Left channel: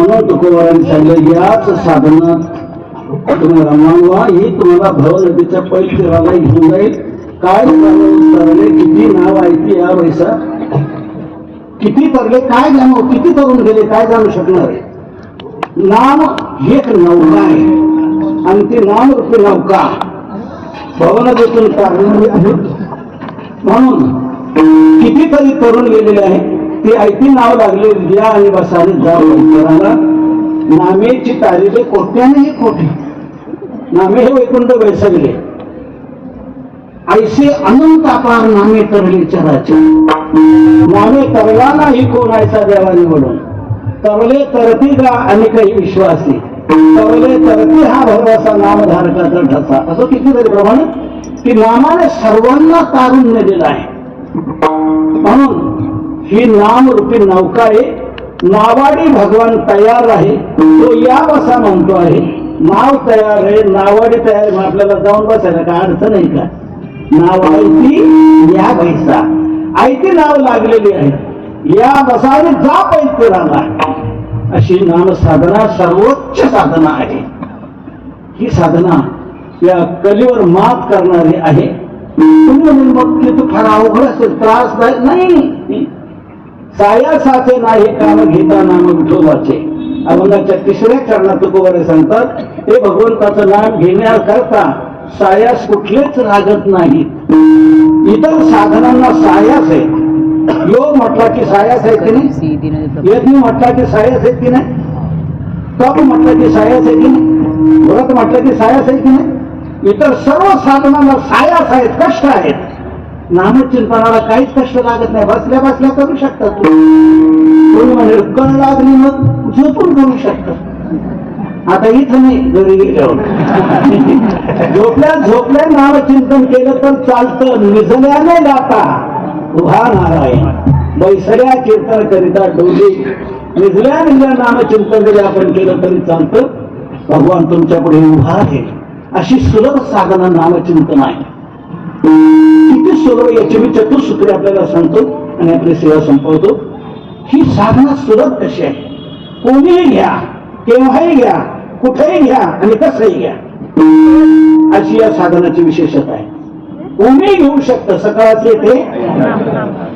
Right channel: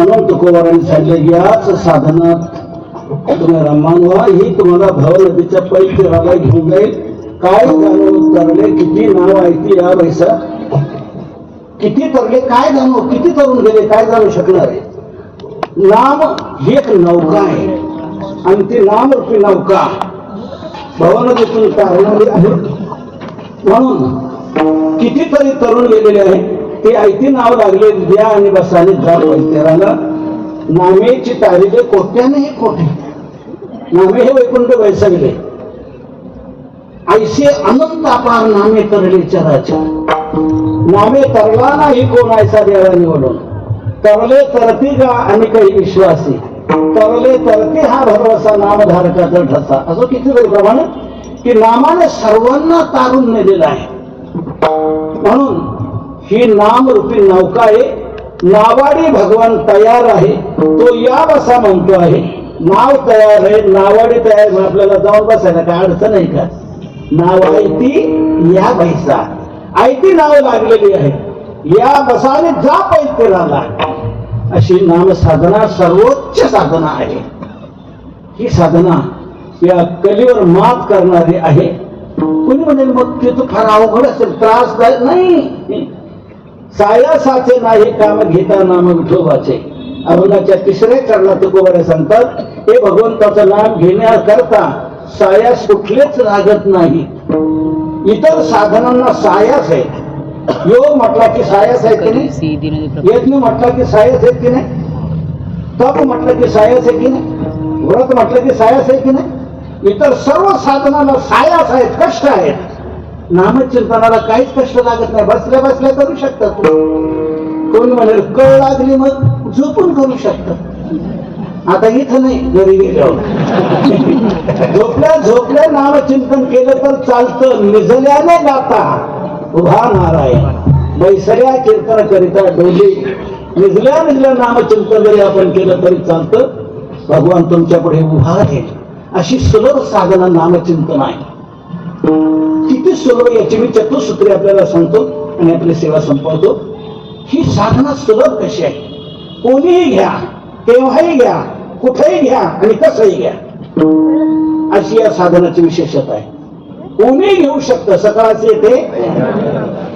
म्हणून तुकोबारांनी सांगितलं याच साधनात तुम्हाला मानवा ही तुम्हाला भव नदीच्या पैल फिरायला घेऊन जाईल. काय तरले किती नाव आहे ती या पैसा किती तरले काय जाणू किती तरुण गेले काय जाणू शकणार आहे. नाम ही एक नौका आहे आणि ती नाम रूपी नौका भवनदीतून तारलेली आहे. म्हणून कितीतरी तरुण गेलेले आहे ते ऐती नाव लागले द्या आणि बसाने जाऊ करायला. नामेची तारीख कोट्याने कोटी नामे हे वैकुंठ वैसगले ऐसे अनंत अपार नामे तरले चराचे. नामे तरला नाही कोण ऐसा देवा निवडून तरले तरती गा आणि काही विश्वासी तरले तरती हा भरवसा नामधारकाचा ठसा. असं किती प्रमाणे की नामाने सर्वांना तारून नेलेला आहे. म्हणून ही नाम रूपी नौका आहे. नावाडी भगवान तयार आहे तो या बसा म्हणतो आहे. नाव तयार आहे नावाडी तयार मग आपल्याला जाऊन बसायला काय अडचण आहे का. नाव आयती या बैसा आयती नाव लागलेली आहे या बसाने जा पैराला. अशी नाम साधना सर्वोच्च साधना आहे. ही साधना या कलीवर मात करणारी आहे. तुम्ही म्हणजे मग ते तू फार अवघड असेल त्रासदायक नाही. सायासाचे नाही काम घेता नाम विठोबाचे. अभंगाच्या तिसऱ्या चरणात तुकोबारे सांगतात हे भगवंताचं नाम घेण्याकरता सायास कुठलेच लागत नाही. इतर साधनांना सायास आहे. योग म्हटला की सायास आहे की नाही. यज्ञ म्हटला की सायास आहे की नाही. तप म्हटलं की सायास आहे की नाही. व्रत म्हटलं की सायास आहे की नाही. इतर सर्व साधनांना सायास आहेत कष्ट आहेत. नामचिंतनाला काहीच कष्ट लागत नाही. बसल्या बसल्या करू शकता. तुम्ही म्हणजे कळ लागली मग झोपून करू शकता. आता इथं नाही घरी गेल्यावर झोपल्या झोपल्या नामचिंतन केलं तर चालतं. निजल्याने गाता उभा नारायण बैसल्या कीर्तन करिता डोली. निजल्या निजल्या नामचिंतन जरी आपण केलं तरी चालतं. भगवान तुमच्या पुढे उभा आहे. अशी सुलभ साधना नामचिंतन आहे. किती सुलभ याची मी चतुसूत्री आपल्याला सांगतो आणि आपली सेवा संपवतो. ही साधना सुलभ कशी आहे. कोणीही घ्या केव्हाही घ्या कुठेही घ्या आणि कसंही घ्या अशी या साधनाची विशेषता आहे. कोणीही घेऊ शकतं. सकाळचे ते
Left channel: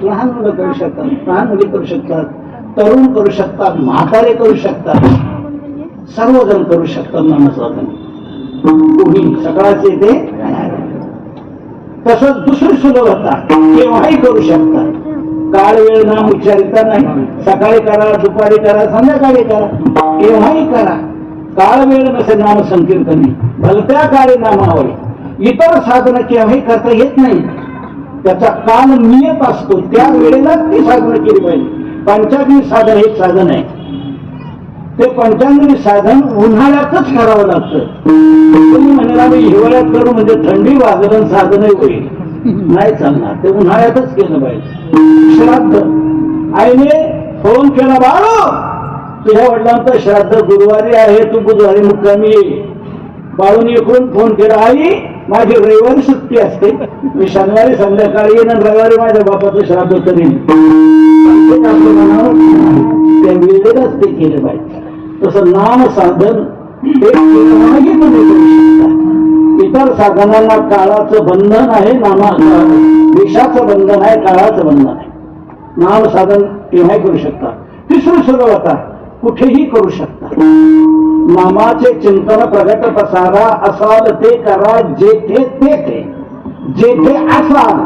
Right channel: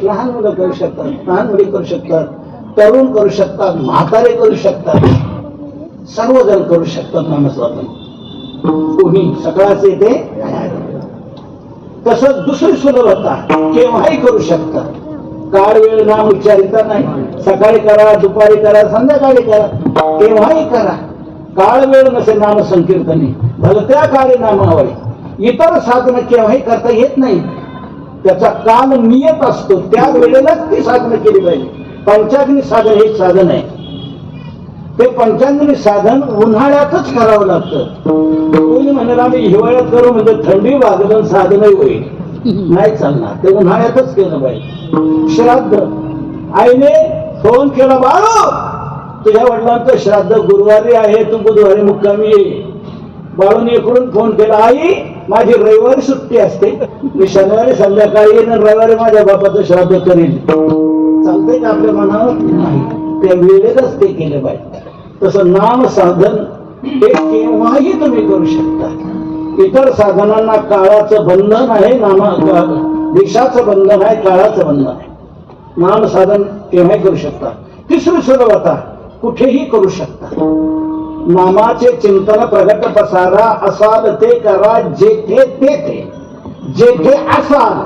लहान मुलं करू शकतात लहान मुली करू शकतात तरुण करू शकतात म्हातारे करू शकतात सर्वजण करू शकतात नामसाधन. कोणी सकाळचे ते तसंच दुसरी सुलभता केव्हाही करू शकतात. काळ वेळ नाम उच्चारिता नाही. सकाळी करा दुपारी करा संध्याकाळी करा केव्हाही करा. काळ वेळ नसे नाम संकीर्तनी भलत्या काळी नामावळी. इतर साधनं केव्हाही करता येत नाही. त्याचा काल नियत असतो त्या वेळेलाच ती साधनं केली पाहिजे. पंचाग्नी साधन हे साधन आहे. ते पंचांगी साधन उन्हाळ्यातच करावं लागतं. कोणी म्हणेल आम्ही हिवाळ्यात करू म्हणजे थंडी वाजलं साधनही होईल नाही चालणार. ते उन्हाळ्यातच केलं पाहिजे. श्राद्ध आईने फोन केला बाळू तुझ्या वडिलांचं श्राद्ध गुरुवारी आहे तू बुधवारी मुक्कामी ये. बाळूने इकडून फोन केला आई माझी रविवारी सुट्टी असते मी शनिवारी संध्याकाळी येईन रविवारी माझ्या बापाचं श्राद्ध करेन. त्या वेळेलाच ते केलं पाहिजे. तसं नाम साधन ते केव्हाही तुम्ही करू शकता. इतर साधनांना काळाचं बंधन आहे. विषाचं बंधन आहे काळाचं बंधन आहे. नाम साधन केव्हाही करू शकता. तिसरी सुलभता कुठेही करू शकता. नामाचे चिंतन प्रगट पसारा असाल ते करा जेथे तेथे. जेथे असाल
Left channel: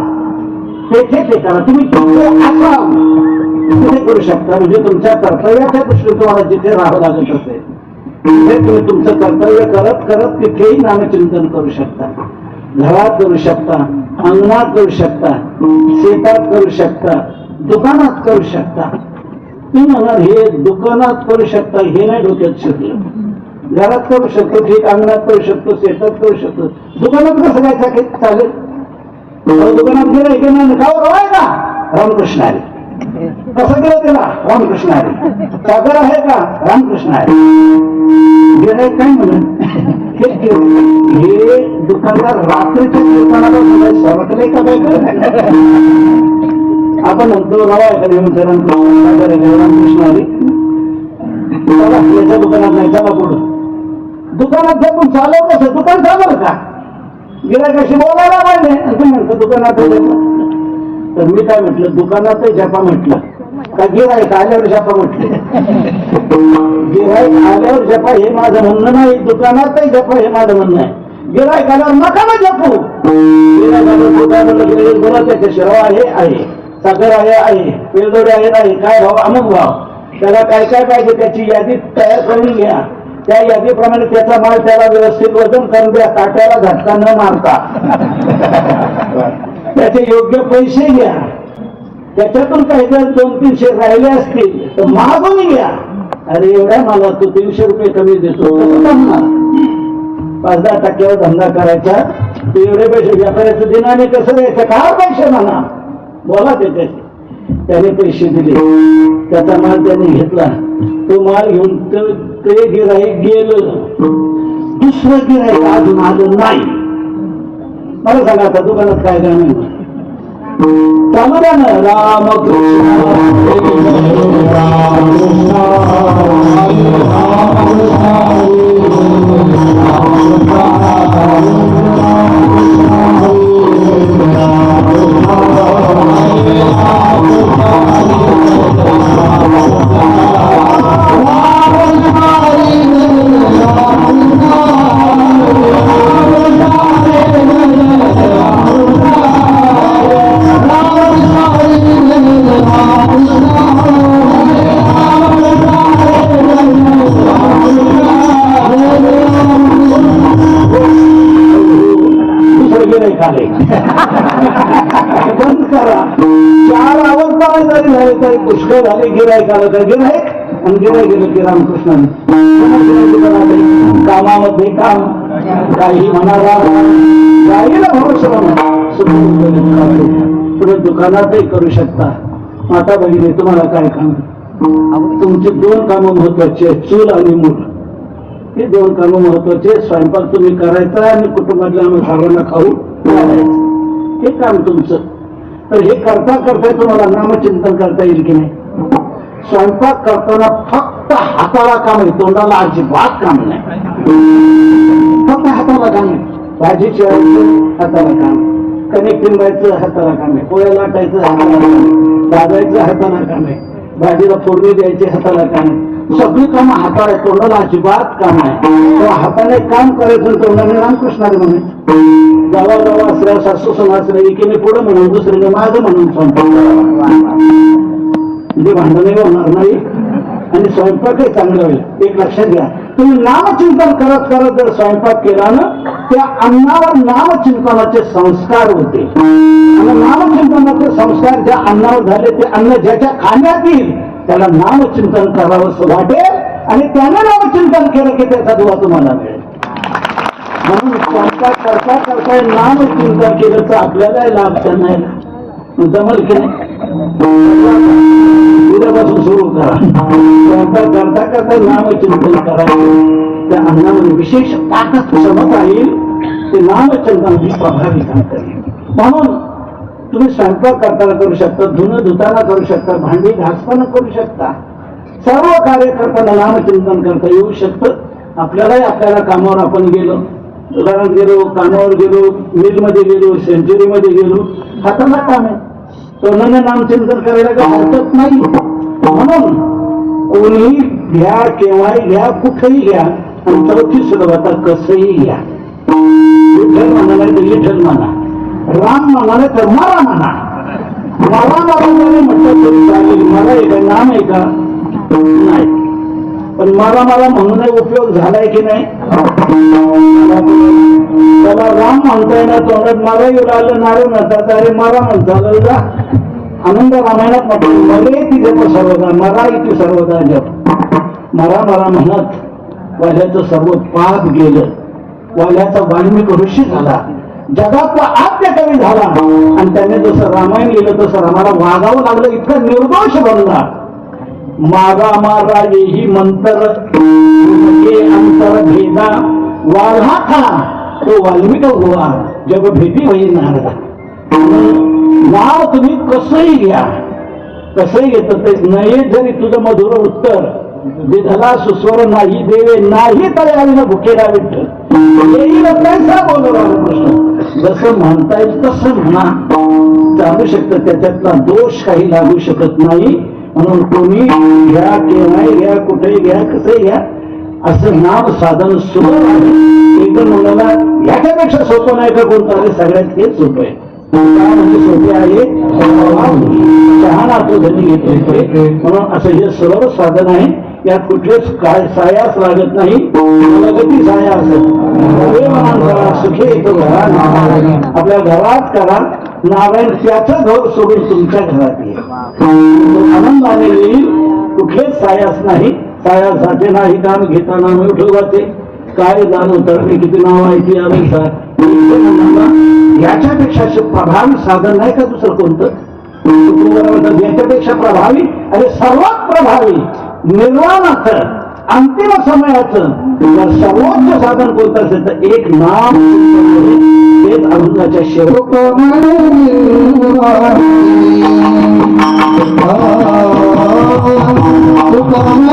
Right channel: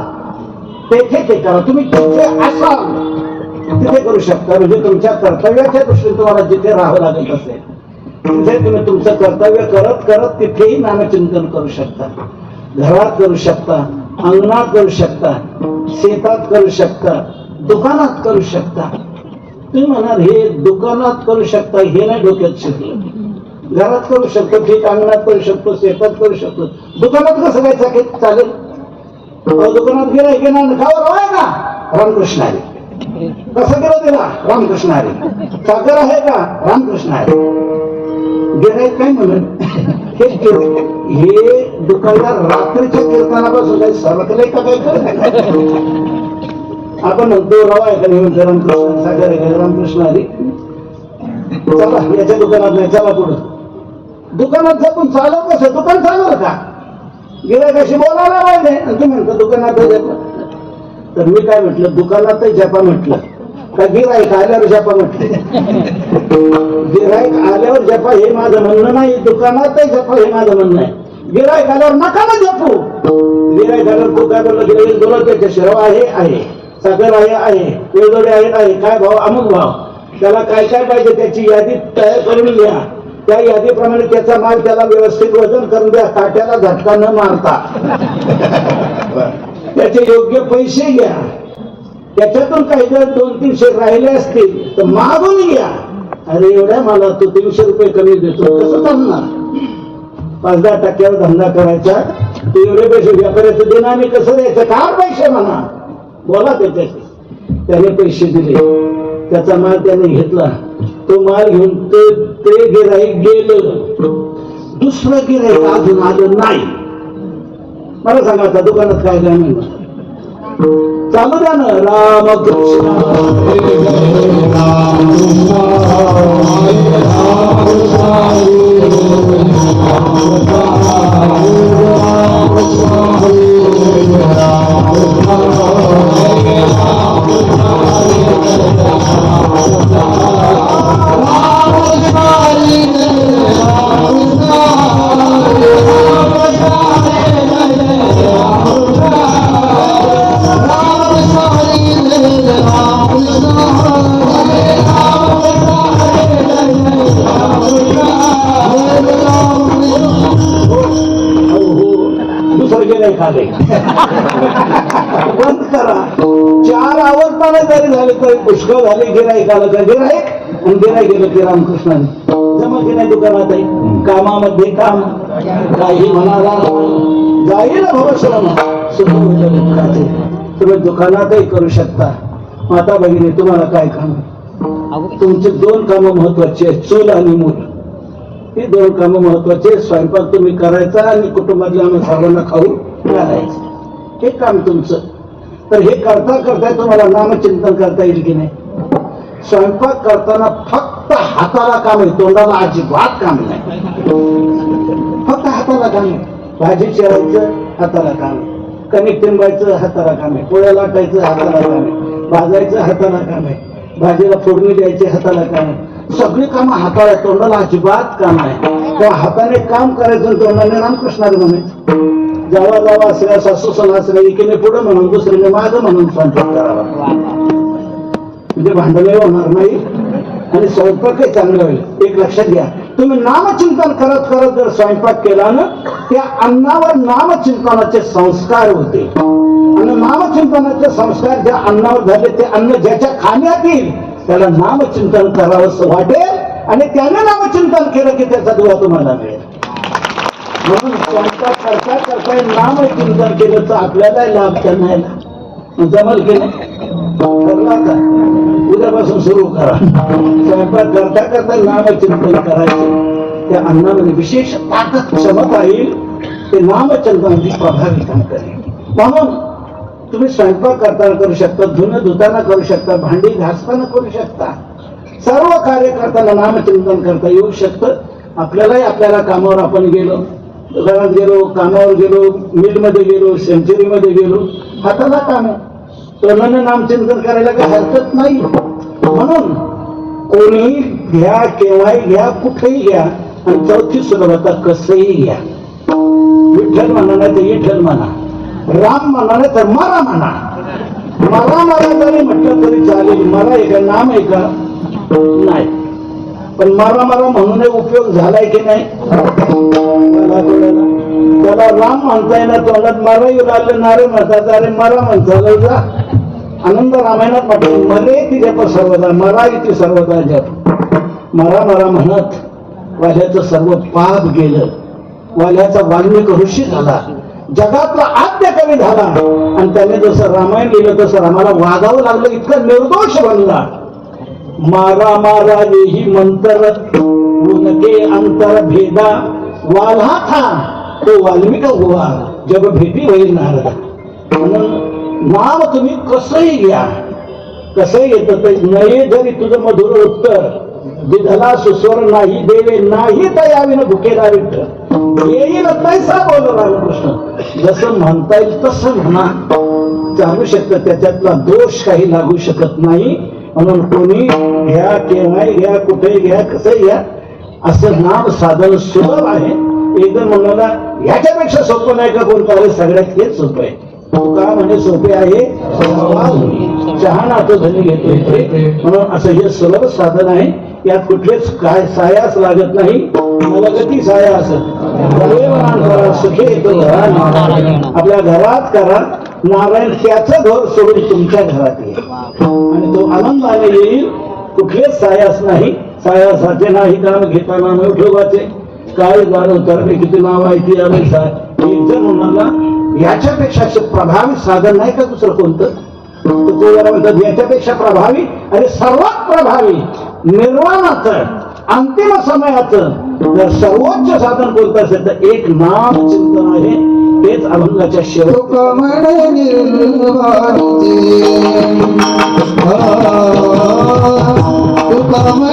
तेथे ते करा. तुम्ही जिथे असाल तिथे करू शकता. म्हणजे तुमच्या कर्तव्याच्या दृष्टीने तुम्हाला जिथे राहावं लागत असेल तिथे तुम्ही तुमचं कर्तव्य करत करत तिथेही नामचिंतन करू शकता. घरात करू शकता अंगणात करू शकता शेतात करू शकता दुकानात करू शकता. तुम्ही म्हणाल हे दुकानात करू शकता हे नाही डोक्यात शिकलं. घरात करू शकतो ठीक अंगणात करू शकतो शेतात करू शकतो. दुकानात कसं काय चालेल. दुकानात गेलं की नाही खावर आहे का रामकृष्ण आहे. कसं केलं त्याला रामकृष्ण आहे. साखर आहे का रामकृष्ण आहे. गिऱ्हाईक काय म्हणून हे दुकानदार रात्रीच्या कीर्तनाला सरकले का काय. आपण म्हणतो राव आहे का रामकृष्ण आली चला याच्या दुकानात नाही, चला पुढं. दुकानात जपून चालव कसं, दुकान चालव का? गिऱ्हाईकाशी बोलायला पाहिजे. आणि तू म्हणतो दुकानात जपा. तर मी काय म्हटलं, दुकानातही जपा म्हटलं का गिऱ्हाईक आल्यावर जपा म्हटलं? गिऱ्हाईक आल्यावर जपा हे माझं म्हणणं नाही, दुकानातही जपा हे माझं म्हणणं आहे. गिऱ्हाईक आल्यावर नका ना जपू. गिऱ्हाईक आल्यावर दुकानाला गेले बोला त्याच्या शिराव आहे, साखर आहे, वेगवेगळे आहे, काय भाव, अमुक भाव, त्याला काय काय पाहिजे त्याची यादी तयार करून घ्या. त्या यादीप्रमाणे त्याचा माल त्याला व्यवस्थित वजन करून द्या, काट्याला झटका न मारता. त्याचे योग्य पैसे घ्या. त्याच्यातून काही जर 200-300 राहिले असतील तर मागून घ्या. अरे एवढ्या मला तू 300 रुपये कमी देतो, कसं जमणार? 5-10 टक्क्यावर धंदा करायचा, ते एवढे पैसे व्यापाऱ्याचं देणं आणि कसं द्यायचं, काय पैसे म्हणा, बोला त्याच्याशी. त्याने पैसे दिले, त्याचा माल त्याने घेतला, तो माल घेऊन ते गिऱ्हाईक गेलं. दुसरं गिऱ्हाईक अजून आलं नाही. मला सांगा आता दुकानात काय गाणं चालू द्या ना, रामकृष्ण बंद करा. 4 आवडताना जरी झाले तरी पुष्कळ झाले. गिऱ्हाईक आलं तर गिऱ्हाईक, आणि गिऱ्हाईक गेलं की रामकृष्णाने कामामध्ये काम, काही म्हणाला गाईला भरोसा म्हणा. तुम्ही दुकानातही करू शकता. माता भगिनी तुम्हाला काय काम, तुमची 2 कामं महत्वाची आहेत, चूल आणि मूल. ही 2 कामं महत्वाची. स्वयंपाक तुम्ही करायचा आणि कुटुंबातल्या आम्ही सर्वांना खाऊ घालायचं, हे काम तुमचं. तर हे करता करता तुम्हाला नामचिंतन करता येईल की नाही? स्वयंपाक करताना फक्त हाताला काम आहे, तोंडाला अजिबात काम नाही. फक्त हाताला काम आहे. भाजी चिरायचं हाताला काम आहे, कणिक तिंबायचं हाताला काम आहे, पोळ्या लाटायचं हाताला काम आहे, भाजायचं हाताला काम आहे, भाजीला फोडणी द्यायची हाताला काम आहे. सगळी कामं हाताला, तोंडाला अजिबात काम आहे. त्या हाताने काम करायचं, तोंडाने रामकृष्णाला म्हणायचं. जेव्हा जेव्हा असल्या सासू असल्या एकीने पुढं म्हणून दुसरीने माझं म्हणून स्वयंपाक करावा, म्हणजे भांडणे होणार नाही आणि स्वयंपाकही चांगलं होईल. एक लक्षात घ्या, तुम्ही नामचिंतन करत करत जर स्वयंपाक केला ना, त्या अन्नावर नामचिंतनाचे संस्कार होते. आणि नामचिंतनाचे संस्कार ज्या अन्नावर झाले, ते अन्न ज्याच्या खाण्यात येईल त्याला नामचिंतन करावं वाटेल, आणि त्याने नामचिंतन केलं की त्याचा दुवा तुम्हाला मिळेल. म्हणून स्वयंपाक करता करता नामचिंतन केलं तर आपल्याला लाभ नाही. जमल की नाही? उद्यापासून सुरू करा. स्वयंपाक करता करता नामचिंतन करायचं. त्या अन्नामध्ये विशेष ताकद क्षमता येईल, ते नामचिंतनाची प्रभावी काम करेल. म्हणून तुम्ही स्वयंपाक करताना करू शकता, धुणं धुताना करू शकता, भांडी घासताना करू शकता, सर्व कार्य करताना नामचिंतन करता येऊ शकतं. आपल्याला कामावर आपण गेलो, दुकानात गेलो, कामावर गेलो, मिलमध्ये गेलो, सेंचुरीमध्ये गेलो, हाताला काम आहे, तोंडाने नामचिंतन करायला काही हरकत नाही. म्हणून कोणीही घ्या, केव्हाही घ्या, कुठेही घ्या, आणि चौथी सुलभता कसंही घ्या. विठ्ठल म्हणा नाही तर विठ्ठल म्हणा, राम म्हणा नाही तर मारा म्हणा. मारा जरी म्हटलं तरी चालेल. मला आहे का, नाम आहे का? नाही. पण मारा म्हणून उपयोग झालाय की नाही? त्याला राम म्हणताय ना, तोंडात मारा येऊ लागलं, नारे म्हणतात, अरे मारा म्हणता जा. आनंद रामायणात म्हटलं, मरे ती जप सर्वदा, मरा इथे सर्वदा जप. मरा म्हणत वाल्याचं सर्व पाप गेलं. वाल्याचा वाल्मिक ऋषी झाला, जगातला आद्य कवी झाला, आणि त्याने जसं रामायण लिहिलं तसं रामाला वागावं लागलं, इतकं निर्दोष बनला. मारा येही मंतर अंतर भेदा वाढा था, तो वाल्मिक गोवा जग भेटी होईल नारदा. नाव तुम्ही कसंही घ्या, कसंही घेत ते नये जरी तुझं मधुर उत्तर विधला सुस्वर नाही देवे नाही तयाविन भुकेला विठ्ठल येईल पैसा बोल रामकृष्ण. जसं म्हणता येईल तसं म्हणा, चालू शकतं, त्याच्यातला दोष काही लागू शकत नाही. म्हणून कोणी घ्या केव्हाही घ्या कुठेही घ्या कसंही घ्या, असं नाम साधन सुलभ आहे. एकदम म्हणाला ह्याच्यापेक्षा सोपं नाही का कोणतं आहे, सगळ्यात हेच सोपं आहे. काय म्हणजे सोपे आहे, चहा नातो धनी घेतो म्हणून असं हे सुलभ साधन आहे. यात कुठलेच काय सायास लागत नाही. प्रगती साया असेल सुखे येतो घरा नारायण. आपल्या घरात करा नारायण, त्याचं घर सोडून तुमच्या घरात येईल, तो आनंदाने येईल. कुठलेच सायास नाही. सायासाचे नाही काम घेताना न ठेवायचे. काय जाणून करणे किती नाव आहे ती याच्यापेक्षा प्रभावी साधन नाही का दुसरं कोणतं. याच्यापेक्षा प्रभावी आणि सर्वात प्रभावी निर्वाणाचं अंतिम समयाचं जर सर्वोच्च साधन कोणतं असेल तर एक नाम चिंतन आहे. तेच अभंगाच्या शेवट तुका